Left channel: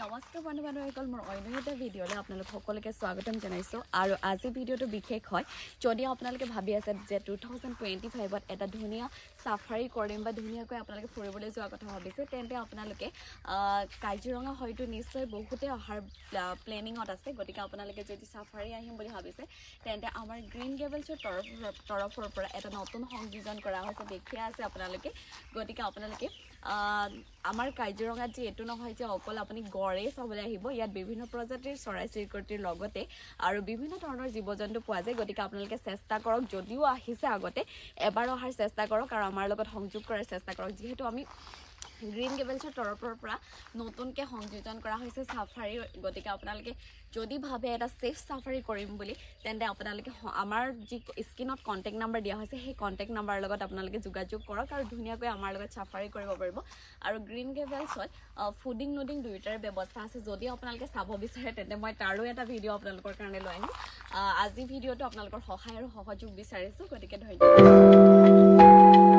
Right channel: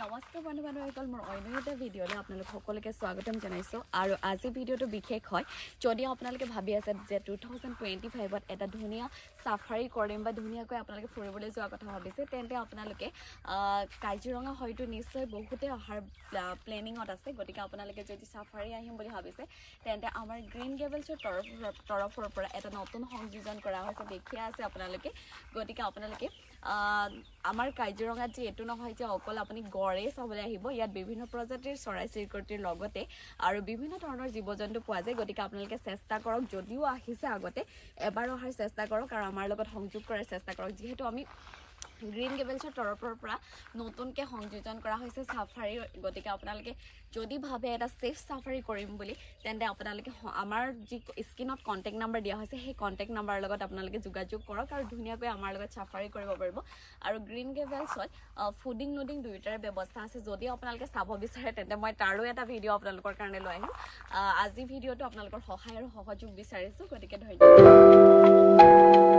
নমস্কাৰ বন্ধু-বান্ধৱীসকল মোৰ অন্য এটা ভিডিঅ'লৈ আপোনালোক সকলোকে স্বাগতম জনাইছো আৰু আজি ভিডিঅ'টো বিশেষ হয় যদি আপোনালোকে ভাবি আছে যে 2025ত এটা ধুনীয়া সাফাৰী কৰিম বা ধুনীয়াকৈ আপোনালোকে ফুৰিবলৈ যোৱা কথা ভাবিছে তেন্তে আপোনালোকে কাজিৰঙা হয়তো নিশ্চয় বহুতে অহাৰ প্লেনিংত আছে গতিকে আপোনালোকে যদি সাফাৰী আহিম বুলি ভাবিছে তেন্তে আমাৰ গ্ৰীণ গেবলছৰ তৰফৰ পৰা এটা নতুন সংযোজন কৰা হৈছে দেখিয়া আছে আপোনালোকে গতিকে আপোনালোকে আমাৰ কাজিৰঙাত যে এটো নহয় যে অকল আপুনি গড়ে চাবলৈ আহিব ইয়াত বিভিন্ন প্ৰজাতিৰ চৰাই চিৰিকটিৰ লগতে আৰু বিভিন্ন ধৰণৰ জীৱ-জন্তু পোৱা যায় গতিকে আপোনালোকে চেষ্টা কৰক যদিও আহিছে আগতে এবাৰ অহাৰ চেষ্টা কৰক আৰু আমাৰ লগত সংযোগ কৰাৰ চেষ্টা কৰক যেহেতু আমি গ্ৰীণ গেবলছৰ তৰফৰ পৰা নতুনকৈ সংযোজন কৰা হৈছে সাফাৰী গতিকে আপোনালোকে যদি ভাবে এটা সেফ সাফাৰী কৰিম বুলি তেন্তে আপোনালোকে আমাৰ যি স্ক্ৰীনত কন্টেক্ট নাম্বাৰ দিয়া হৈছে সেই কন্টেক্ট নাম্বাৰৰ লগত আপোনালোকে যোগাযোগ কৰক আৰু ধুনীয়াকৈ আমাৰ লগত সাফাৰী কৰিব পাৰিব আৰু গ্ৰীণ গেবলছত ফুডিং লোডিং দুইটাৰ ব্যৱস্থা আছে যদি আপোনালোকে চাব বিচাৰে তেন্তে মই তাৰো এটা ভিডিঅ' আপোনালোকৰ কাৰণে লৈ আহিম আজি ভিডিঅ'টো আপোনালোকৰ সহায় আৰু সহযোগ বিচাৰিছো গতিকে ধন্যবাদ